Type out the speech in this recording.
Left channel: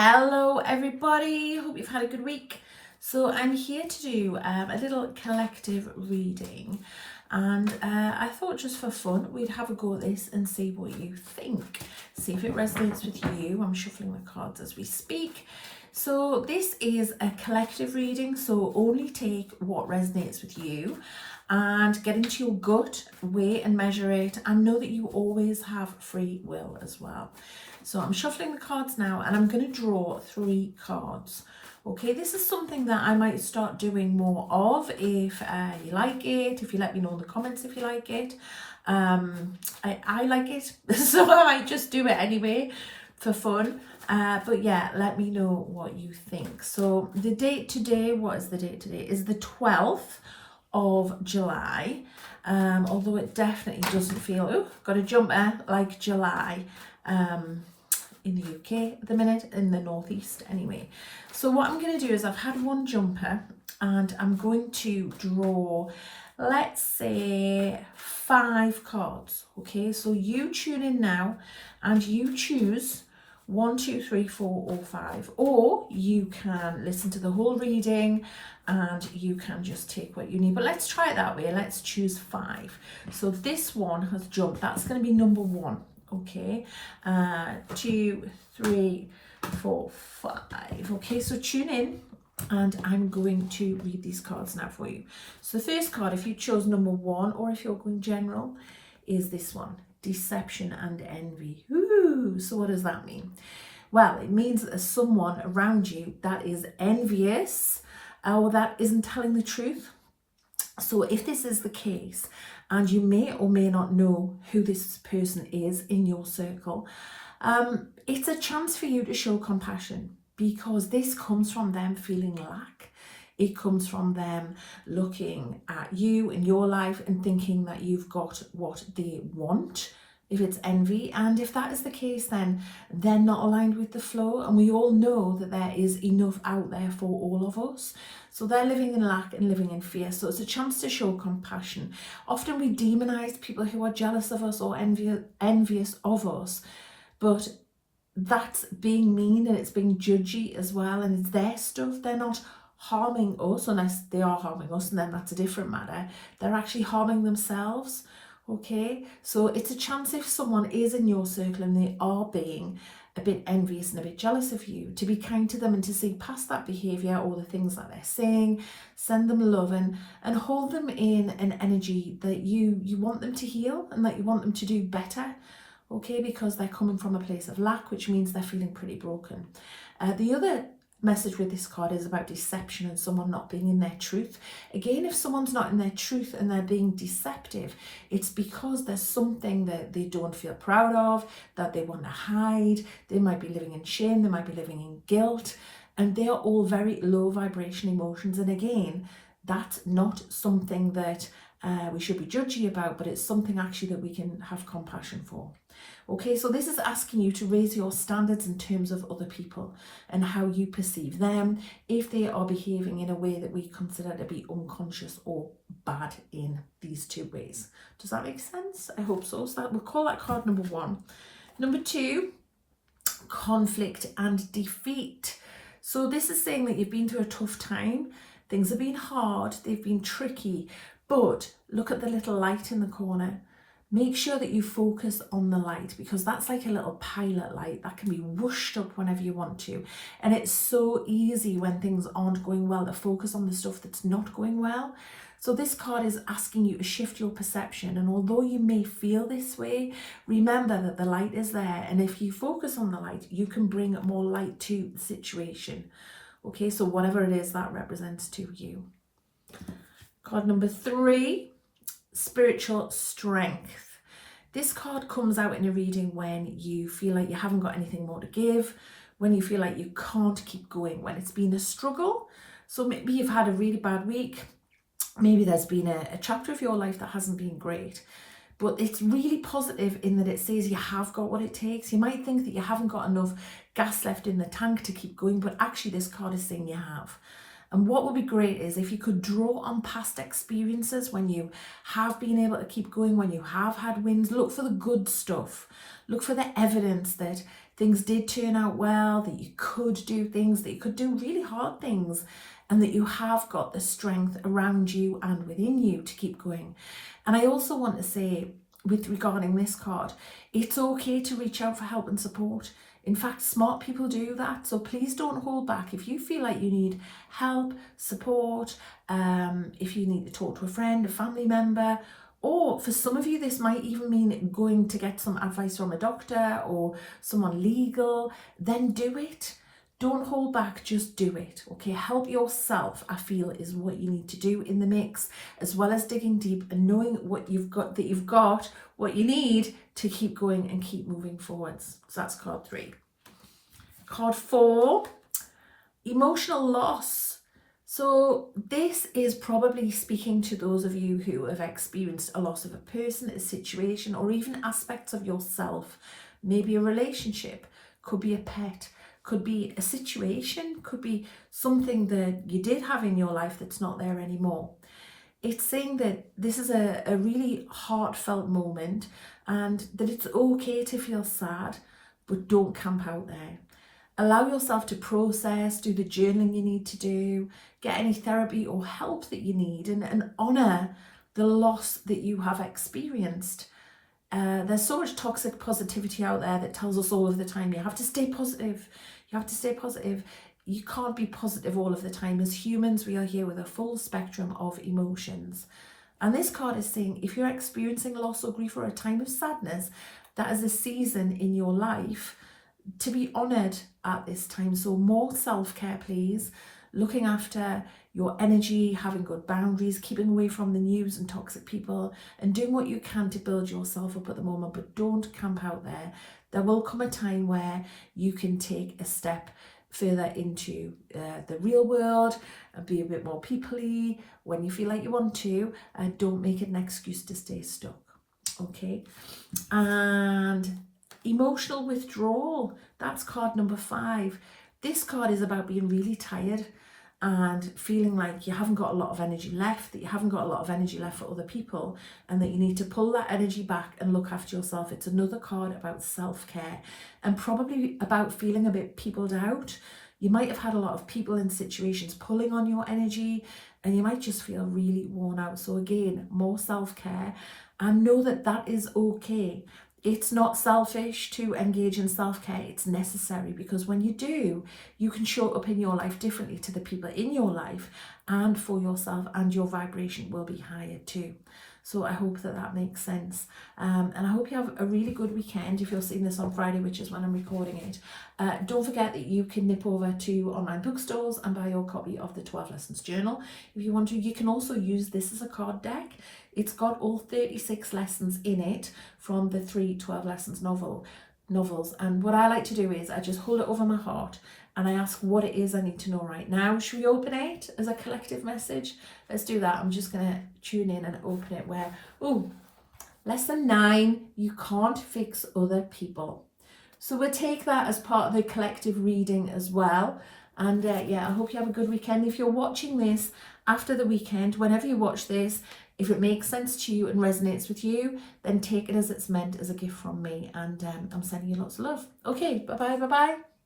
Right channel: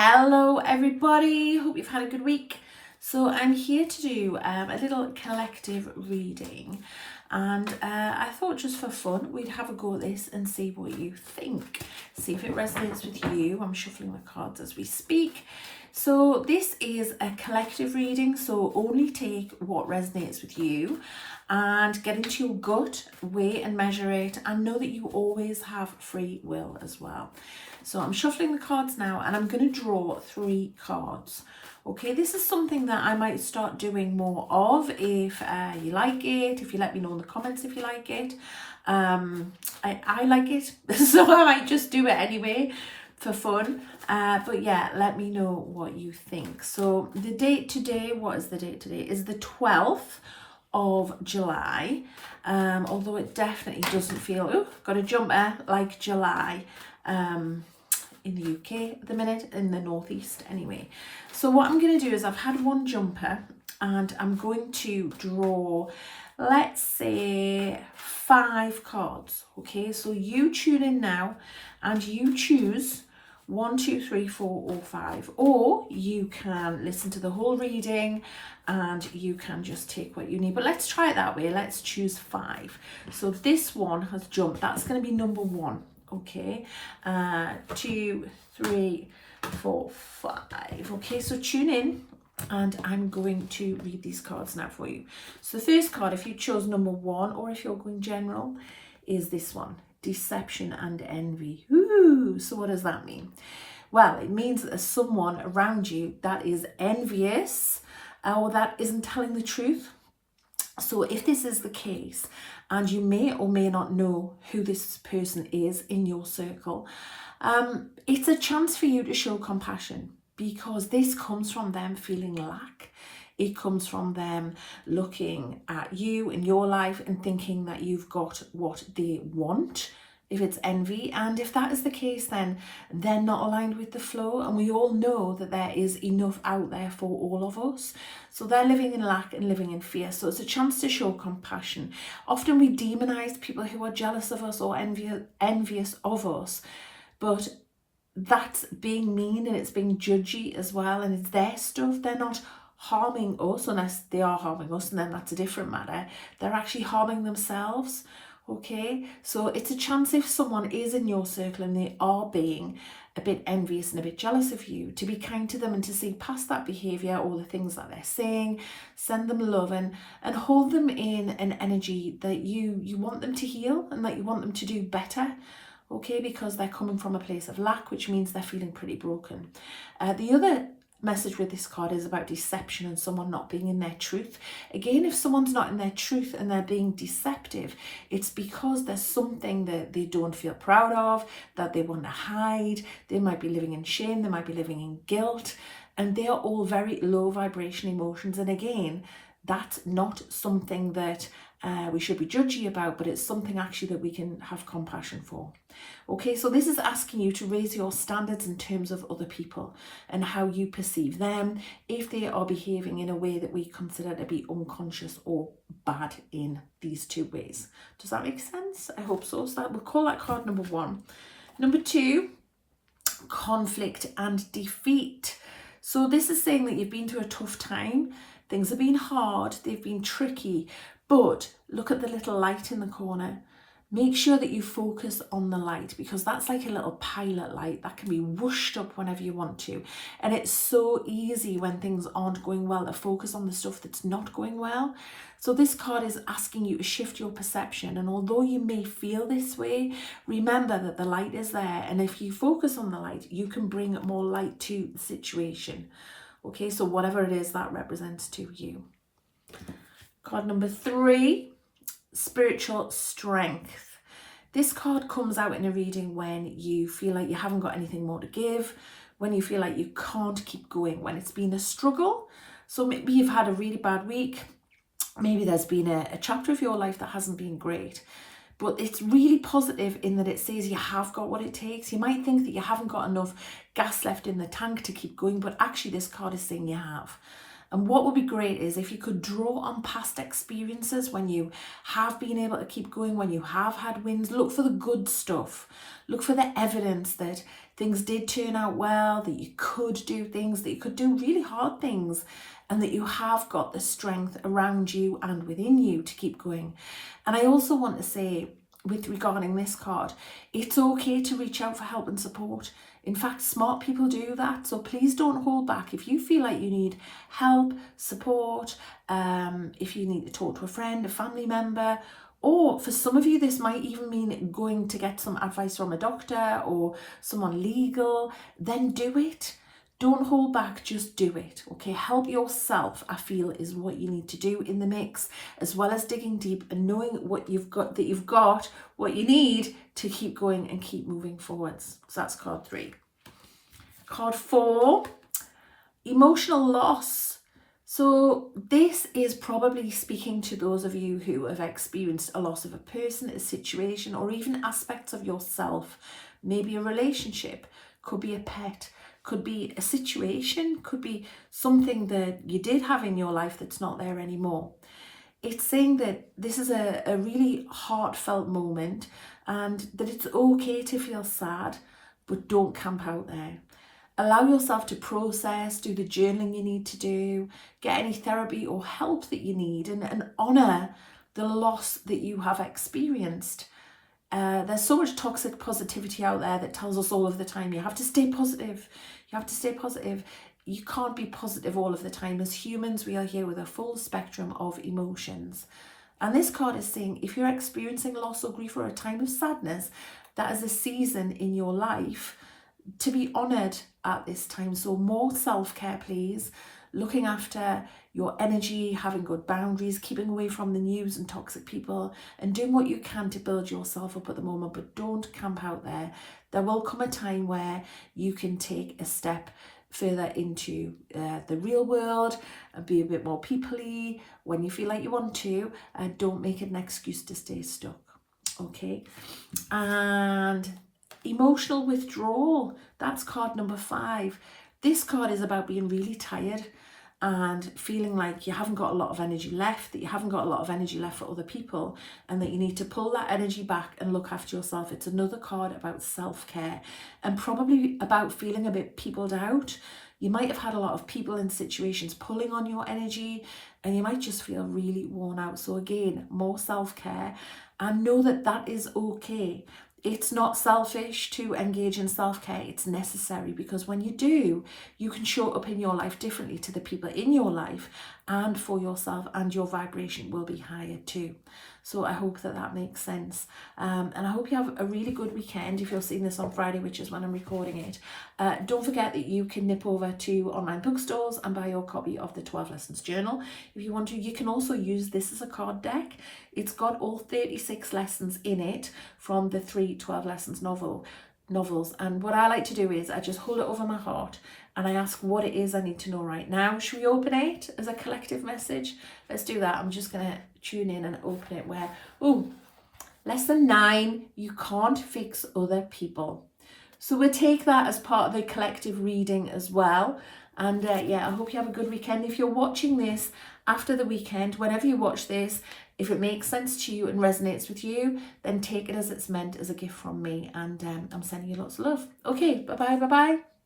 Hello everybody, hope you've had a good week. So I'm here to do a little collective reading, and I thought just for fun we'd have a go at this and see what you think, see if it resonates with you. I'm shuffling the cards as we speak. So this is a collective reading, so only take what resonates with you and get into your gut, weigh and measure it, and know that you always have free will as well. So I'm shuffling the cards now, and I'm going to draw 3 cards. Okay, this is something that I might start doing more of if you like it, if you let me know in the comments if you like it. I like it, so I might just do it anyway for fun. But yeah, let me know what you think. So the date today, what is the date today? Is the 12th of July. Although it definitely doesn't feel, got a jumper, like July. In the UK at the minute, in the northeast anyway. So what I'm going to do is I've had one jumper and I'm going to draw, let's say 5 cards. Okay, so you tune in now and you choose 1, 2, 3, 4 or 5, or you can listen to the whole reading and you can just take what you need. But let's try it that way. Let's choose 5. So this one has jumped. That's going to be number 1. Okay, 2, 3, 4, 5. Okay, so tune in and I'm going to read these cards now for you. So the first card, if you chose number 1 or if you're going general, is this one, deception and envy. Ooh, so what does that mean? Well, it means that there's someone around you that is envious or that isn't telling the truth. So if this is the case, and you may or may not know who this person is in your circle, it's a chance for you to show compassion, because this comes from them feeling lack. It comes from them looking at you in your life and thinking that you've got what they want, if it's envy. And if that is the case, then they're not aligned with the flow. And we all know that there is enough out there for all of us. So they're living in lack and living in fear. So it's a chance to show compassion. Often we demonize people who are jealous of us or envious of us, but that's being mean and it's being judgy as well. And it's their stuff. They're not harming us, unless they are harming us, and then that's a different matter. They're actually harming themselves. Okay, so it's a chance, if someone is in your circle and they are being a bit envious and a bit jealous of you, to be kind to them and to see past that behavior or the things that they're saying, send them love and hold them in an energy that you want them to heal and that you want them to do better. Okay, because they're coming from a place of lack, which means they're feeling pretty broken. The other message with this card is about deception and someone not being in their truth. Again, if someone's not in their truth and they're being deceptive, it's because there's something that they don't feel proud of, that they want to hide. They might be living in shame, they might be living in guilt, and they are all very low vibration emotions. And again, that's not something that we should be judgy about, but it's something actually that we can have compassion for. Okay, so this is asking you to raise your standards in terms of other people and how you perceive them, if they are behaving in a way that we consider to be unconscious or bad in these 2 ways. Does that make sense? I hope so. So we'll call that card number 1. Number 2, conflict and defeat. So this is saying that you've been through a tough time. Things have been hard, they've been tricky, but look at the little light in the corner. Make sure that you focus on the light, because that's like a little pilot light that can be whooshed up whenever you want to. And it's so easy when things aren't going well to focus on the stuff that's not going well. So this card is asking you to shift your perception. And although you may feel this way, remember that the light is there. And if you focus on the light, you can bring more light to the situation. Okay, so whatever it is that represents to you. Card number 3. Spiritual strength. This card comes out in a reading when you feel like you haven't got anything more to give, when you feel like you can't keep going, when it's been a struggle. So maybe you've had a really bad week, maybe there's been a chapter of your life that hasn't been great, but it's really positive in that it says you have got what it takes. You might think that you haven't got enough gas left in the tank to keep going, but actually this card is saying you have. And what would be great is if you could draw on past experiences when you have been able to keep going, when you have had wins. Look for the good stuff. Look for the evidence that things did turn out well, that you could do things, that you could do really hard things, and that you have got the strength around you and within you to keep going. And I also want to say, regarding this card, it's okay to reach out for help and support. In fact, smart people do that. So please don't hold back. If you feel like you need help, support, if you need to talk to a friend, a family member, or for some of you, this might even mean going to get some advice from a doctor or someone legal, then do it. Don't hold back, just do it, okay? Help yourself, I feel, is what you need to do in the mix, as well as digging deep and knowing what you've got, that you've got what you need to keep going and keep moving forwards. So that's card 3. Card 4, emotional loss. So this is probably speaking to those of you who have experienced a loss of a person, a situation, or even aspects of yourself. Maybe a relationship, could be a pet, could be a situation, could be something that you did have in your life that's not there anymore. It's saying that this is a really heartfelt moment and that it's okay to feel sad, but don't camp out there. Allow yourself to process, do the journaling you need to do, get any therapy or help that you need, and honour the loss that you have experienced. There's so much toxic positivity out there that tells us all of the time, you have to stay positive. You have to stay positive. You can't be positive all of the time. As humans, we are here with a full spectrum of emotions. And this card is saying, if you're experiencing loss or grief or a time of sadness, that is a season in your life to be honoured at this time. So more self-care, please. Looking after your energy, having good boundaries, keeping away from the news and toxic people, and doing what you can to build yourself up at the moment, but don't camp out there. There will come a time where you can take a step further into the real world and be a bit more people-y when you feel like you want to. Don't make it an excuse to stay stuck, okay? And emotional withdrawal, that's card number 5. This card is about being really tired and feeling like you haven't got a lot of energy left, that you haven't got a lot of energy left for other people, and that you need to pull that energy back and look after yourself. It's another card about self-care and probably about feeling a bit peopled out. You might have had a lot of people and situations pulling on your energy, and you might just feel really worn out. So again, more self-care, and know that that is okay. It's not selfish to engage in self-care. It's necessary, because when you do, you can show up in your life differently to the people in your life and for yourself, and your vibration will be higher too. So I hope that that makes sense. And I hope you have a really good weekend if you're seeing this on Friday, which is when I'm recording it. Don't forget that you can nip over to online bookstores and buy your copy of the 12 Lessons Journal. If you want to, you can also use this as a card deck. It's got all 36 lessons in it from the 3 12 Lessons novels. And what I like to do is I just hold it over my heart and I ask what it is I need to know right now. Should we open it as a collective message? Let's do that. I'm just going to tune in and open it where, lesson 9, you can't fix other people. So we'll take that as part of the collective reading as well. And yeah, I hope you have a good weekend. If you're watching this after the weekend, whenever you watch this, if it makes sense to you and resonates with you, then take it as it's meant, as a gift from me. And I'm sending you lots of love. Okay, bye-bye, bye-bye.